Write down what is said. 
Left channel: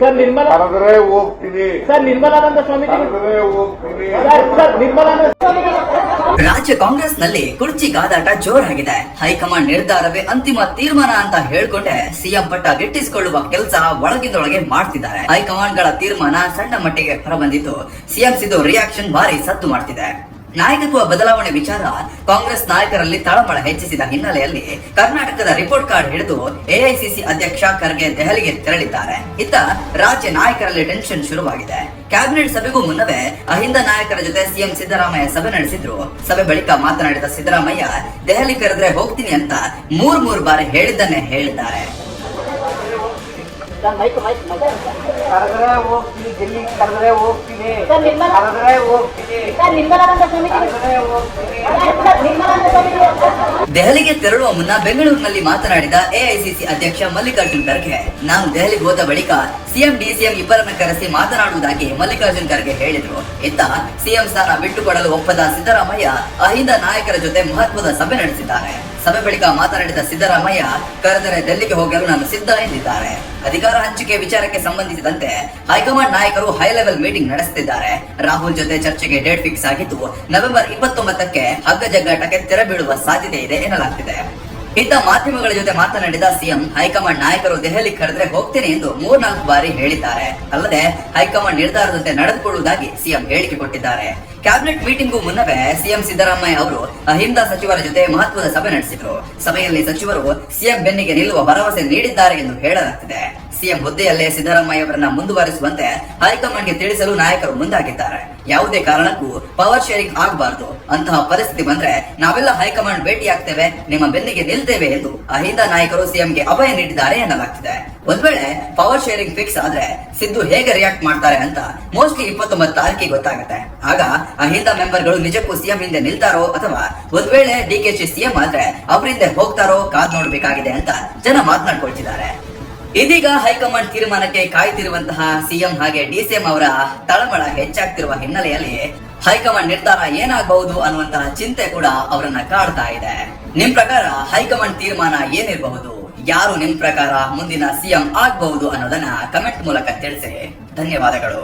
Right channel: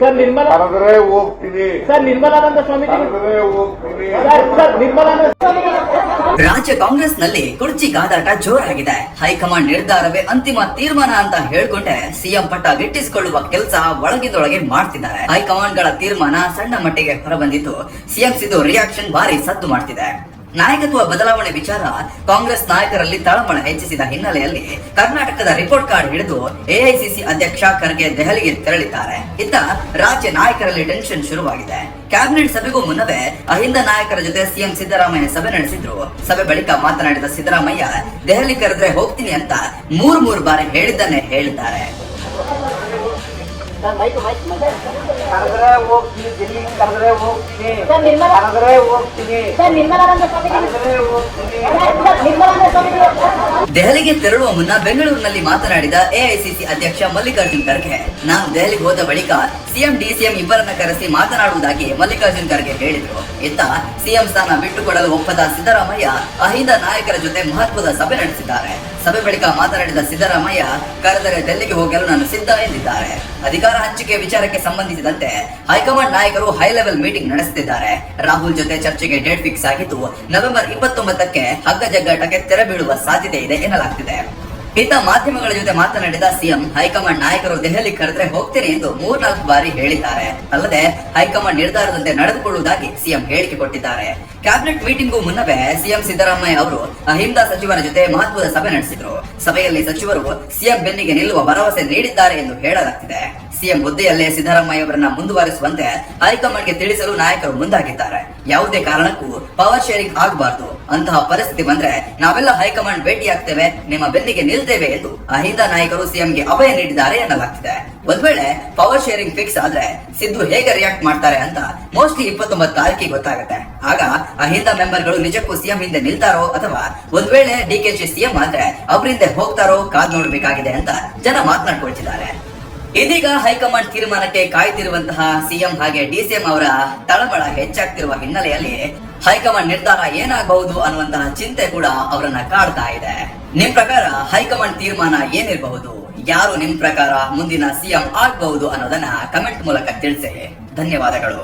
Sir ನಿರ್ಮಲ ಕರೆದ್ರೆ ಹೋಗ್ತೀನಿ. Sir Nirmalananda Swamiji ಕರೆದ್ರೆ ಹೋಗ್ತೀನಿ. ಸರ್ ಸರ್ ನಿರ್ಮಲಾನಂದ ರಾಜ್ಯ ಕಾಂಗ್ರೆಸ್ನಲ್ಲಿ ಕುರ್ಚಿ ಗಾದಾಟ ಜೋರಾಗಿದೆ. ಹೈಕಮಾಂಡ್ ನಿರ್ಧಾರವೇ ಅಂತಿಮ ತೀರ್ಮಾನ ಅಂತ ಹೇಳ್ಕೊಂಡೆ ಸಿಎಂ ಪಟ್ಟ ಗಿಟ್ಟಿಸಿಕೊಳ್ಳುವ ಕೆಲಸ ಒಳಗಿದೊಳಗೆ ಮಾಡ್ತಿದ್ದಾರೆ. ಹೈಕಮಾಂಡ್ಗಳ ತೀರ್ಮಾನ ಸಣ್ಣ ಮಟ್ಟಿಗೆ ಹೊರಬಂದಿದ್ದು ಸಿಎಂ ಸಿದ್ದು ರಿಯಾಕ್ಷನ್ ಭಾರಿ ಸದ್ದು ಮಾಡ್ತಿದೆ. ನಾಯಕತ್ವ ಬದಲಾವಣೆ ವಿಚಾರ ಕಾಂಗ್ರೆಸ್ ನಾಯಕರಲ್ಲಿ ತಳಮಳ ಹೆಚ್ಚಿಸಿದ ಹಿನ್ನೆಲೆಯಲ್ಲಿ ಕರ್ನಾಟಕದ ರಿಪೋರ್ಟ್ ಕಾರ್ಡ್ ಹಿಡಿದು ಎಐಸಿಸಿ ಅಧ್ಯಕ್ಷ ಖರ್ಗೆ ದೆಹಲಿಗೆ ತೆರಳಿದ್ದಾರೆ. ಇತ್ತ ರಾಜ್ಯ ನಾಯಕರಲ್ಲಿ ಟೆನ್ಷನ್ ಶುರುವಾಗಿದೆ. ಕ್ಯಾಬಿನೆಟ್ ಸಭೆಗೂ ಮುನ್ನವೇ ಅಹಿಂದ ನಾಯಕರ ಜೊತೆ ಸಿಎಂ ಸಿದ್ದರಾಮಯ್ಯ ಸಭೆ ನಡೆಸಿದ್ರು. ಸಭೆ ಬಳಿಕ ಮಾತನಾಡಿದ ಸಿದ್ದರಾಮಯ್ಯ, ದೆಹಲಿ ಕರೆದ್ರೆ ಹೋಗ್ತೀನಿ ಅಂತ ಮೂರ್ ಮೂರ್ ಬಾರಿ ಹೇಳಿದ್ದನ್ನೇ ಹೇಳಿದ್ದಾರೆ. ಕರೆದ್ರೆ ಹೋಗ್ತೀನಿ ಕರೆದ್ರೆ ಹೋಗ್ತೀನಿ ಕರೆದ್ರೆ ಹೋಗ್ತೀನಿ. ಕರೆದ್ರೆ ದೆಹಲಿಗೆ ತೆರಳುವ ಮುನ್ನ ಬೆಂಗಳೂರಿನಲ್ಲಿ ಮಾತನಾಡಿದ ಎಐಸಿಸಿ ಅಧ್ಯಕ್ಷ ಮಲ್ಲಿಕಾರ್ಜುನ್ ಖರ್ಗೆ. ನಾನು ದೆಹಲಿಗೆ ಹೋದ ಬಳಿಕ ಸಿಎಂ ಡಿಸಿಎಂ ಇಬ್ಬರನ್ನ ಕರೆಸಿ ಮಾತನಾಡುವುದಾಗಿ ಮಲ್ಲಿಕಾರ್ಜುನ್ ಖರ್ಗೆ ಹೇಳಿದರು. ಇತ್ತ ಸಿಎಂ ಸ್ಥಾನ ಬಿಟ್ಟುಕೊಡಲು ಒಪ್ಪದ ಸಿದ್ದರಾಮಯ್ಯ ಅಹಿಂದ ನಾಯಕರ ಜೊತೆ ಮಹತ್ವದ ಸಭೆ ನಡೆಸಿದ್ದಾರೆ. ಸಭೆ ಬಳಿಕ ಮಾತನಾಡಿದ ಸಿದ್ದರಾಮಯ್ಯ, ಕರೆದರೆ ಡೆಲ್ಲಿಗೆ ಹೋಗಲು ನಾನು ಸಿದ್ಧ ಎಂದಿದ್ದಾರೆ. ಅಧಿಕಾರ ಹಂಚಿಕೆ ವಿಚಾರಕ್ಕೆ ಸಂಬಂಧಿಸಿದಂತೆ ಹೈಕಮಾಂಡ್ ನಾಯಕರು ಹೈ ಲೆವೆಲ್ ಮೀಟಿಂಗ್ ನಡೆಸುತ್ತಿದ್ದಾರೆ. ರಾಹುಲ್ ಜೊತೆ ಚರ್ಚೆಗೆ ಡೇಟ್ ಫಿಕ್ಸ್ ಆಗಿದ್ದು, ನವೆಂಬರ್ ಇಪ್ಪತ್ತೊಂಬತ್ತಕ್ಕೆ ಹಗ್ಗ ಜಗ್ಗಾಟಕ್ಕೆ ತೆರೆ ಬೀಳುವ ಸಾಧ್ಯತೆ ಇದೆ ಎನ್ನಲಾಗ್ತಿದೆ. ಇತ್ತ ಮಾಧ್ಯಮಗಳ ಜೊತೆ ಮಾತನಾಡಿದ ಸಿಎಂ, ಹೈಕಮಾಂಡ್ ನಾಯಕರು ದೆಹಲಿ ಕರೆದ್ರೆ ಹೋಗ್ತೇನೆ ಎಂದು ಮೂರ್ನಾಲ್ಕು ಬಾರಿ ಹೇಳಿದ್ದಾರೆ. ಅಲ್ಲದೆ ಹೈಕಮಾಂಡ್ ನಿರ್ಧಾರದಂತೆ ನಡೆದುಕೊಳ್ಳುವುದಾಗಿ ಸಿಎಂ ಹೇಳಿಕೆ ಕೊಟ್ಟಿದ್ದಾರೆ. ಕ್ಯಾಬಿನೆಟ್ ಮೀಟಿಂಗ್ ಮುನ್ನವೇ ಸಿಎಂ ಸಿದ್ದರಾಮಯ್ಯ ಅವರು ಅಹಿಂದ ಸಚಿವರ ಜೊತೆ ಮಹತ್ವದ ಸಭೆ ನಡೆಸಿದ್ರು. ಸಭೆಯಲ್ಲಿ ಸಚಿವರು ಸಿಎಂ ಬೆನ್ನಿಗೆ ನಿಲ್ಲುವ ಭರವಸೆ ನೀಡಿದ್ದಾರೆ ಎಂದು ಹೇಳಲಾಗ್ತಿದೆ. ಸಿಎಂ ಹುದ್ದೆಯಲ್ಲೇ ಸಿದ್ದರಾಮಯ್ಯ ಅವರನ್ನ ಮುಂದುವರಿಸುವಂತೆ ಹೈಕಮಾಂಡ್ಗೆ ತಿಳಿಸಲು ನಾಯಕರು ಮುಂದಾಗಿದ್ದಾರೆ. ಯಾವುದೇ ಕಾರಣಕ್ಕೂ ಪವರ್ ಶೇರಿಂಗ್ ಆಗಬಾರದು. ಅಂತಹ ಪರಿಸ್ಥಿತಿ ಬಂದ್ರೆ ನಾವೆಲ್ಲ ಹೈಕಮಾಂಡ್ ಭೇಟಿಯಾಗ್ತೇವೆ, ನಿಮ್ಮ ಬೆನ್ನಿಗೆ ನಿಲ್ತೇವೆ ಎಂದು ಅಹಿಂದ ನಾಯಕರು ಸಿಎಂಗೆ ಅಭಯ ನೀಡಿದ್ದಾರೆ ಎನ್ನಲಾಗ್ತಿದೆ. ಒಂದ್ ವೇಳೆ ಪವರ್ ಶೇರಿಂಗ್ ಫಿಕ್ಸ್ ಆದ್ರೆ ಸಿದ್ದು ಹೇಗೆ ರಿಯಾಕ್ಟ್ ಮಾಡ್ತಾರೆ ಅಂತ ಮೋಸ್ಟ್ಲಿ ಇಪ್ಪತ್ತೊಂಬತ್ತು ತಾರೀಕಿಗೆ ಗೊತ್ತಾಗುತ್ತೆ. ಆಗ ಅಹಿಂದ ಮೆಂಬರ್ಗಳು ನಿಜಕ್ಕೂ ಸಿಎಂ ಹಿಂದೆ ನಿಲ್ತಾರೋ ಅಥವಾ ಒಂದ್ ವೇಳೆ ಡಿ ಕೆ ಶಿ ಸಿಎಂ ಆದ್ರೆ ಅವರಿಂದ ಹೋಗ್ತಾರೋ ಕಾದ್ ನೋಡ್ಬೇಕಾಗಿದೆ ಅಂತ ಜನ ಮಾತನಾಡ್ಕೊಳ್ತಿದ್ದಾರೆ. ಇದೀಗ ಹೈಕಮಾಂಡ್ ತೀರ್ಮಾನಕ್ಕೆ ಕಾಯ್ದಿರುವಂತಹ ಸಿಎಂ ಹಾಗೆ ಡಿಸಿಎಂ ಅವರ ತಳಮಳ ಹೆಚ್ಚಾಗ್ತಿರುವ ಹಿನ್ನೆಲೆಯಲ್ಲಿ ಹೈಕಮಾಂಡ್ ನಿರ್ಧಾರ ಏನಾಗಬಹುದು ಅನ್ನುವಂತಹ ಚಿಂತೆ ಕೂಡ ಅವರನ್ನ ಕಾಡ್ತಾ ಇದೆ. ನಿಮ್ ಪ್ರಕಾರ ಹೈಕಮಾಂಡ್ ತೀರ್ಮಾನ ಏನಿರಬಹುದು? ಯಾರು ನಿಮ್ ಪ್ರಕಾರ ಮುಂದಿನ ಸಿಎಂ ಆಗ್ಬಹುದು ಅನ್ನೋದನ್ನ ಕಮೆಂಟ್ ಮೂಲಕ ತಿಳಿಸಿ. ಧನ್ಯವಾದಗಳು.